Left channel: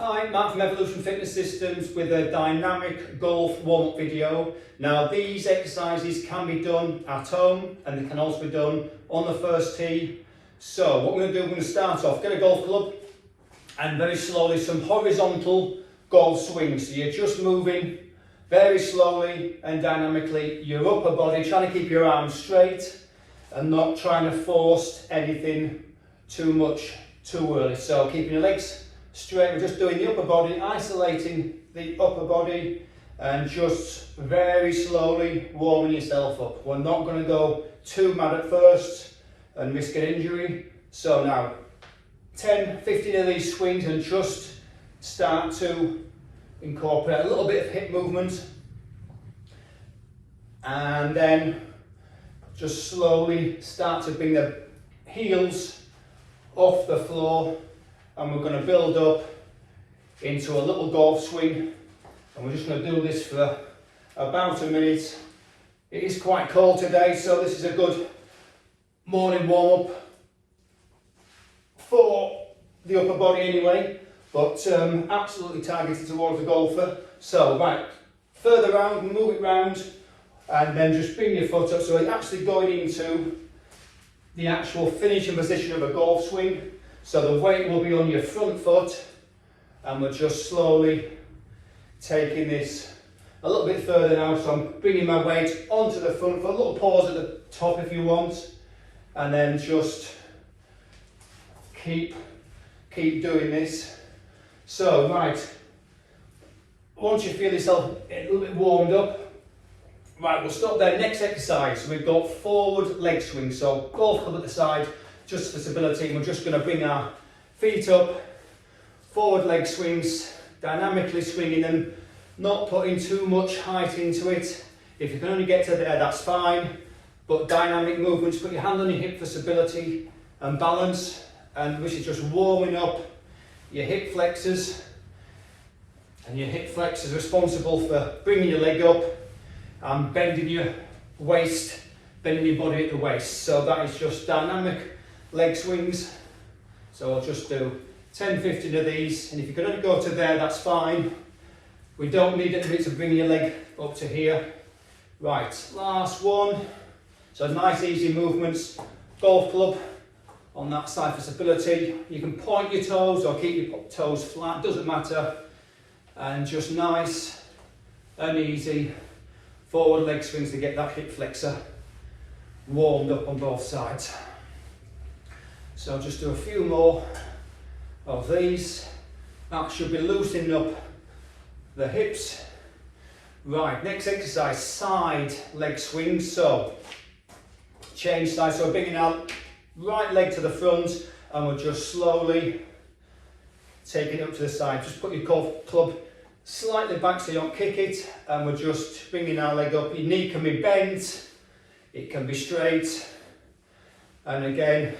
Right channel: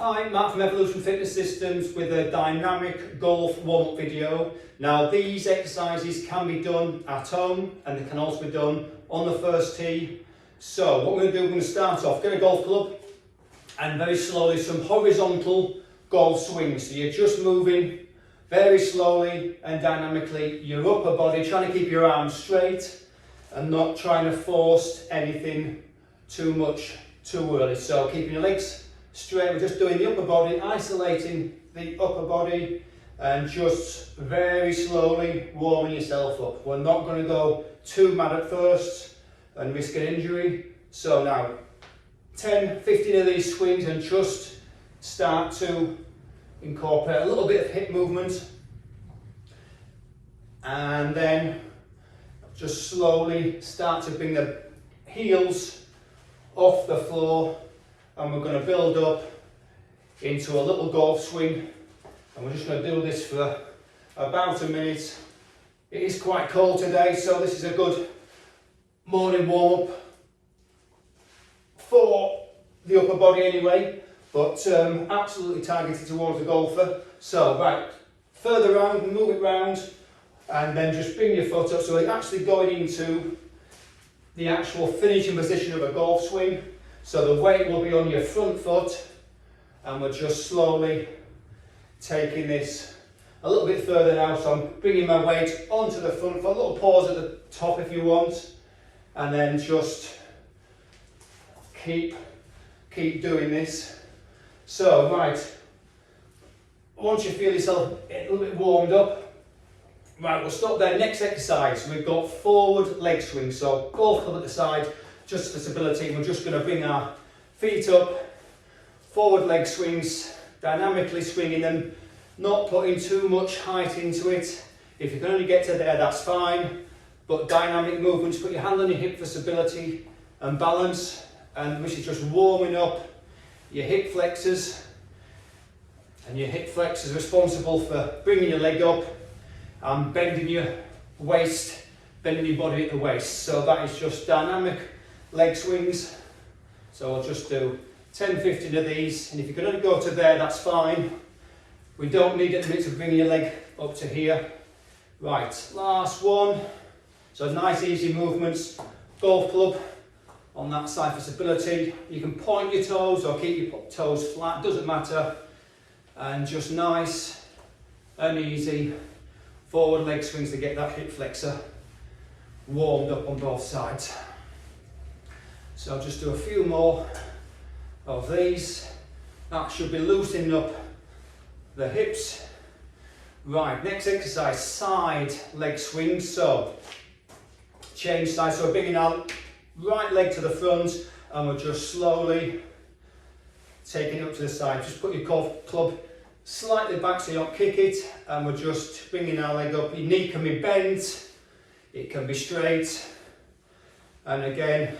Hi, Matt from Evolution Fitness Systems with a dynamic golf warm-up video. Now these exercises can be done at home and they can also be done on the first tee. So what we're going to do, we're going to start off, get a golf club and very slowly some horizontal golf swings. So you're just moving very slowly and dynamically your upper body, trying to keep your arms straight and not trying to force anything too much too early. So keeping your legs straight, we're just doing the upper body, isolating the upper body and just very slowly warming yourself up. We're not going to go too mad at first and risk an injury. So now 10-15 of these swings and just start to incorporate a little bit of hip movement and then just slowly start to bring the heels off the floor. And we're going to build up into a little golf swing, and we're just going to do this for about a minute. It is quite cold today, so this is a good morning warm-up for the upper body anyway, but absolutely targeted towards the golfer. So right, further round, move it round, and then just bring your foot up. So we're actually going into the actual finishing position of a golf swing. So the weight will be on your front foot, and we're just slowly taking this a little bit further now. So I'm bringing my weight onto the front foot, a little pause at the top if you want, and then just keep doing this. So right, once you feel yourself a little bit warmed up, right, we'll stop there. Next exercise, we've got forward leg swing. So golf club at the side, just for stability. We're just going to bring our feet up, forward leg swings, dynamically swinging and not putting too much height into it. If you can only get to there, that's fine, but dynamic movements, put your hand on your hip for stability and balance, and this is just warming up your hip flexors, and your hip flexors are responsible for bringing your leg up and bending your waist, bending your body at the waist. So that is just dynamic leg swings. So I'll just do 10-15 of these, and if you can only go to there, that's fine. We don't need it to bring your leg up to here. Right, last one. So nice easy movements. Golf club on that side for stability. You can point your toes or keep your toes flat, doesn't matter. And just nice and easy forward leg swings to get that hip flexor warmed up on both sides. So I'll just do a few more of these. That should be loosening up the hips. Right, next exercise, side leg swings. So change side, so bringing our right leg to the front, and we're just slowly taking it up to the side. Just put your golf club slightly back so you don't kick it, and we're just bringing our leg up. Your knee can be bent, it can be straight, and again,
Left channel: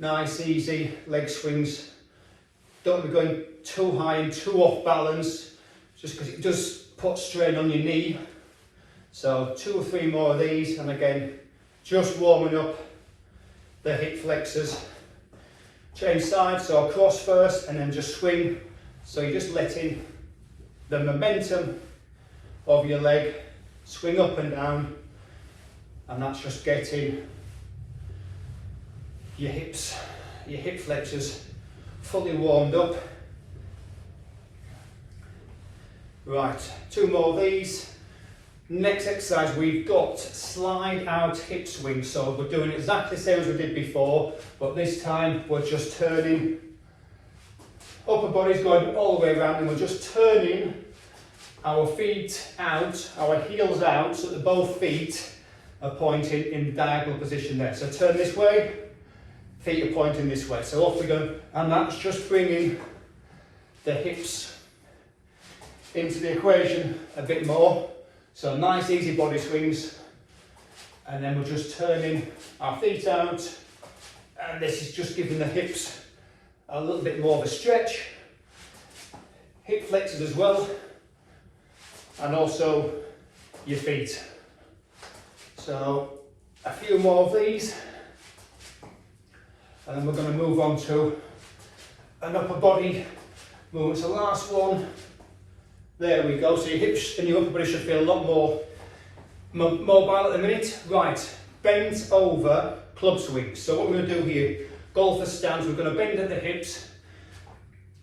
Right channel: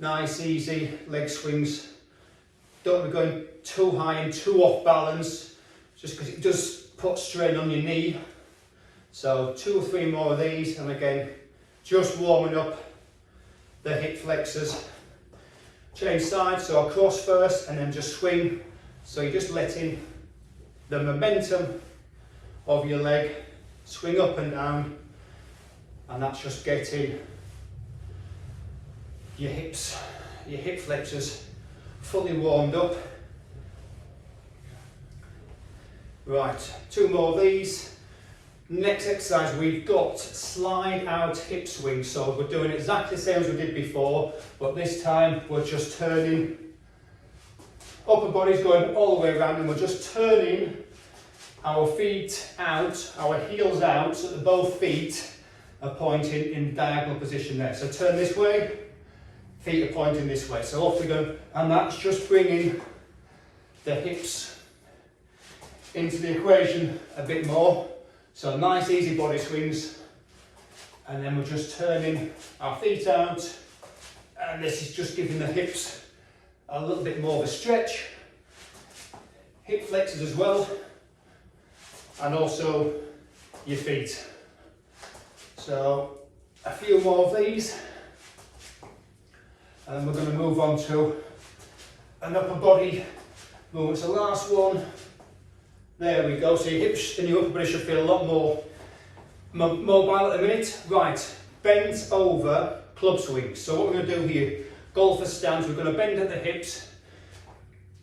nice easy leg swings. Don't be going too high and too off balance, just because it does put strain on your knee. So 2 or 3 more of these, and again, just warming up the hip flexors. Change sides, so I'll cross first and then just swing. So you're just letting the momentum of your leg swing up and down, and that's just getting your hips, your hip flexors fully warmed up. Right, 2 more of these. Next exercise, we've got slide out hip swing. So we're doing exactly the same as we did before, but this time we're just turning, upper body's going all the way around, and we're just turning our feet out, our heels out, so that both feet are pointing in the diagonal position there. So turn this way, feet are pointing this way. So off we go, and that's just bringing the hips into the equation a bit more. So nice easy body swings, and then we're just turning our feet out, and this is just giving the hips a little bit more of a stretch, hip flexors as well, and also your feet. So a few more of these, and then we're going to move on to an upper body Move to the last one. There we go. So your hips and your upper body should feel a lot more mobile at the minute. Right, bend over club swing. So what we're going to do here, golfer stance, we're going to bend at the hips,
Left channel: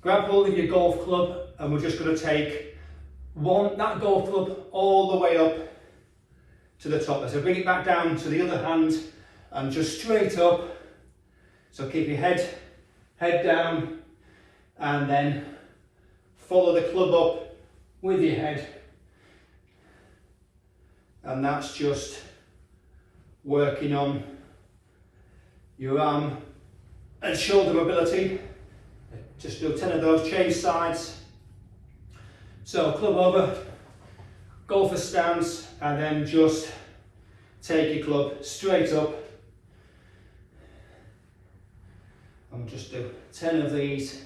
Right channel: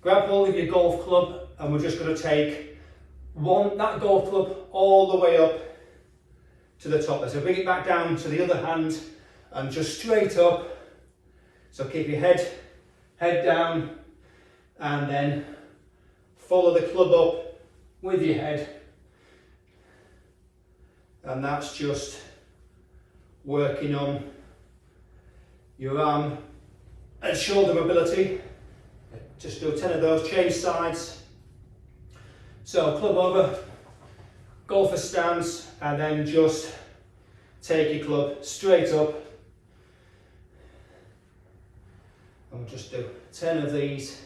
grab hold of your golf club, and we're just going to take that golf club all the way up to the top. So bring it back down to the other hand and just straight up. So keep your head down, and then follow the club up with your head, and that's just working on your arm and shoulder mobility. Just do 10 of those, change sides. So club over, golfer stance, and then just take your club straight up. And we'll just do 10 of these.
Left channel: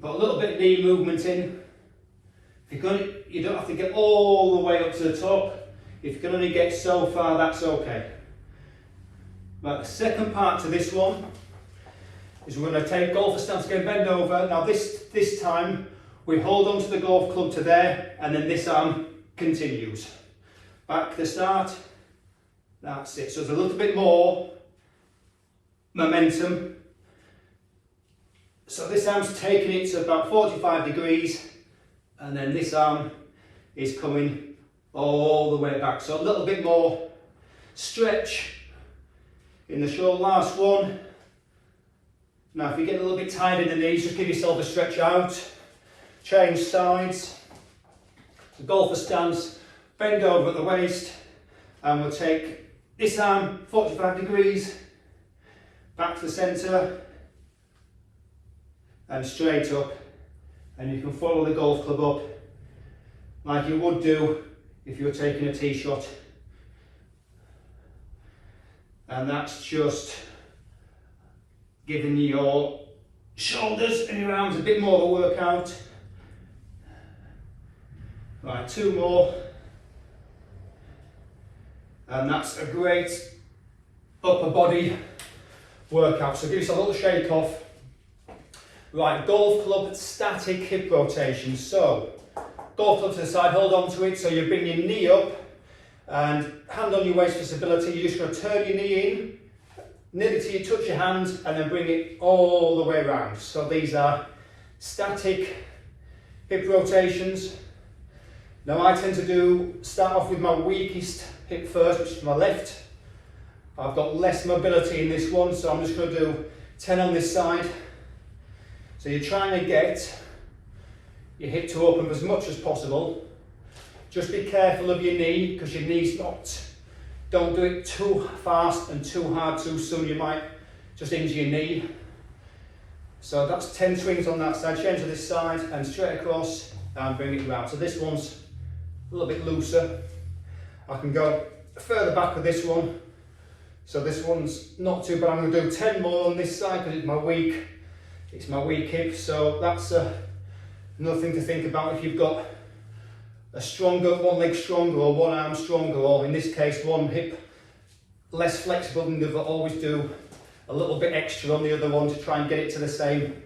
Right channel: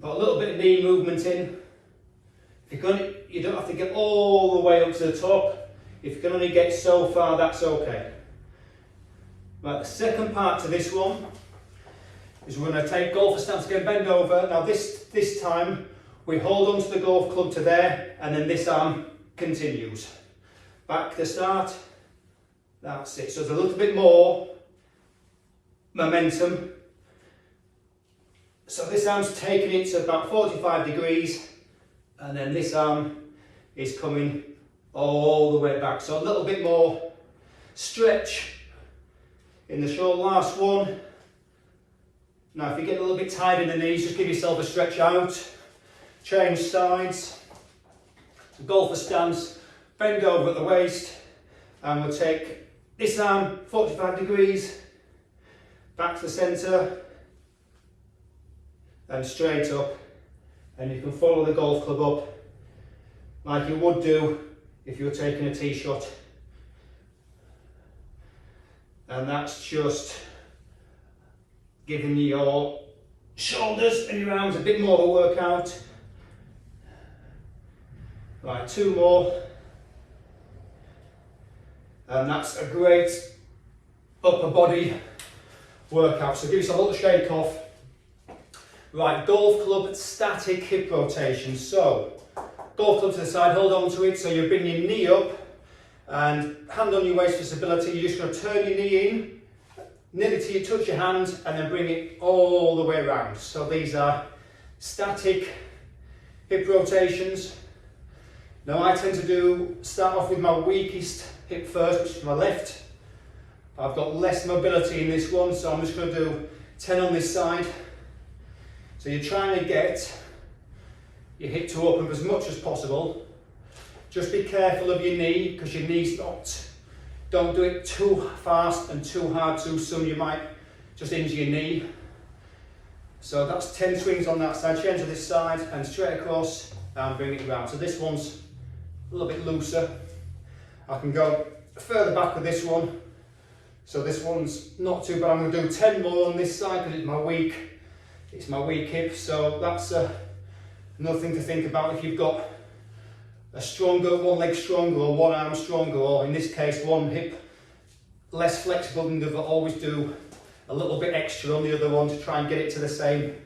Put a little bit of knee movement in. If you're going, you don't have to get all the way up to the top. If you can only get so far, that's okay. Right, the second part to this one is we're going to take golfer stance again, bend over. Now this time we hold onto the golf club to there, and then this arm continues. Back to the start. That's it. So there's a little bit more momentum. So this arm's taking it to about 45 degrees, and then this arm is coming all the way back. So a little bit more stretch in the shoulder. Last one. Now if you get a little bit tired in the knees, just give yourself a stretch out. Change sides. So golfer stance, bend over at the waist, and we'll take this arm 45 degrees, back to the centre, and straight up, and you can follow the golf club up like you would do if you were taking a tee shot. And that's just giving your shoulders and your arms a bit more of a workout. Right, 2 more. And that's a great upper body workout. So give yourself a little shake off. Right, golf club static hip rotation. So, golf club to the side, hold on to it. So you're bringing your knee up and hand on your waist for stability. You're just going to turn your knee in, nearly till you touch your hand, and then bring it all the way around. So these are static hip rotations. Now I tend to start off with my weakest hip first, which is my left. I've got less mobility in this one, so I'm just going to do 10 on this side. So you're trying to get your hip to open as much as possible. Just be careful of your knee, because your knee's not, don't do it too fast and too hard too soon, you might just injure your knee. So that's 10 swings on that side, change to this side and straight across and bring it round. So this one's a little bit looser. I can go further back with this one. So this one's not too bad. I'm going to do 10 more on this side because it's my weak hip. So that's another thing to think about if you've got a stronger, one leg stronger or one arm stronger, or in this case one hip less flexible than the other. Always do a little bit extra on the other one to try and get it to the same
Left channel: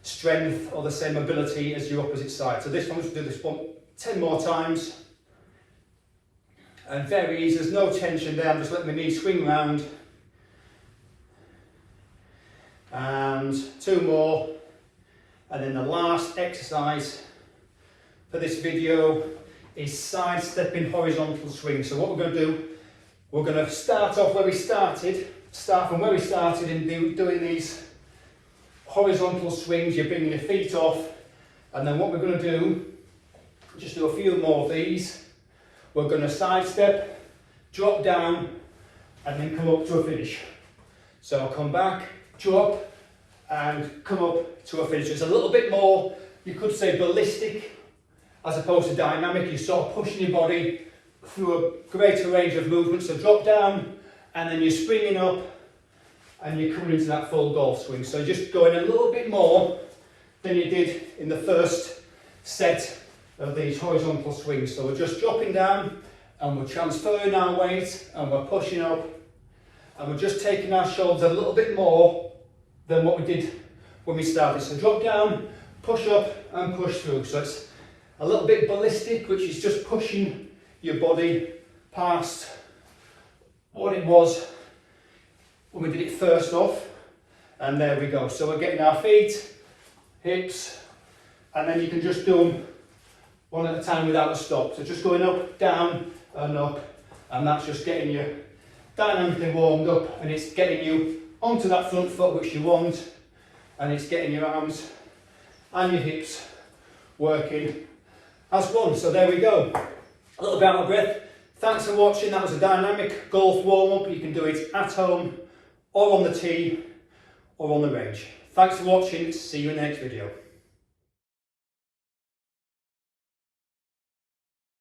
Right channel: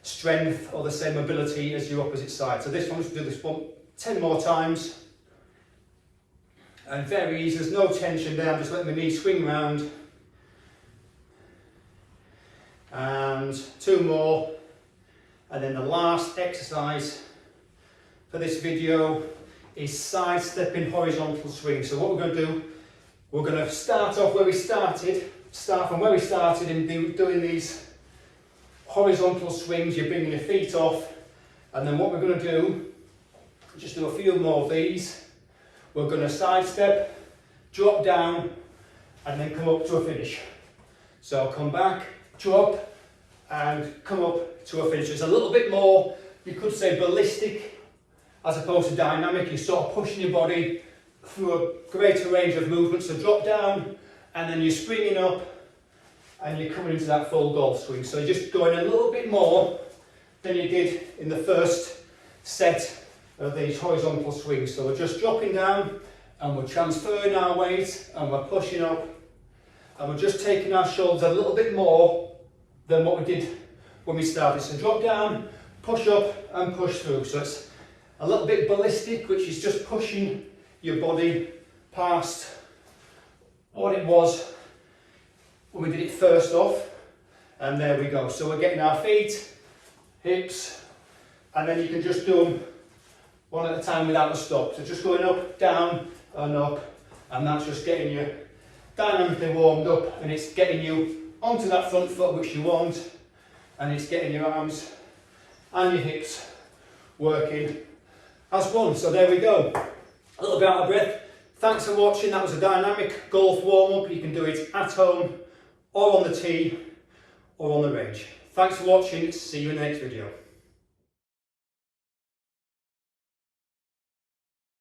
strength or the same mobility as your opposite side. So this one, let's do this one 10 more times. And very easy, there's no tension there, I'm just letting my knee swing round. And 2 more. And then the last exercise for this video is sidestepping horizontal swing. So what we're going to do, we're going to start off where we started, in doing these horizontal swings. You're bringing your feet off, and then what we're going to do, just do a few more of these. We're going to sidestep, drop down, and then come up to a finish. So come back, drop, and come up to a finish. It's a little bit more, you could say, ballistic as opposed to dynamic. You're sort of pushing your body through a greater range of movement. So drop down, and then you're springing up, and you're coming into that full golf swing. So you're just going a little bit more than you did in the first set of these horizontal swings. So we're just dropping down, and we're transferring our weight, and we're pushing up, and we're just taking our shoulders a little bit more than what we did when we started. So drop down, push up and push through. So it's a little bit ballistic, which is just pushing your body past what it was when we did it first off. And there we go. So we're getting our feet, hips, and then you can just do them one at a time without a stop. So just going up, down and up, and that's just getting you dynamically warmed up, and it's getting you onto that front foot which you want, and it's getting your arms and your hips working as one. So there we go. A little bit out of breath. Thanks for watching. That was a dynamic golf warm-up. You can do it at home or on the tee or on the range. Thanks for watching. See you in the next video.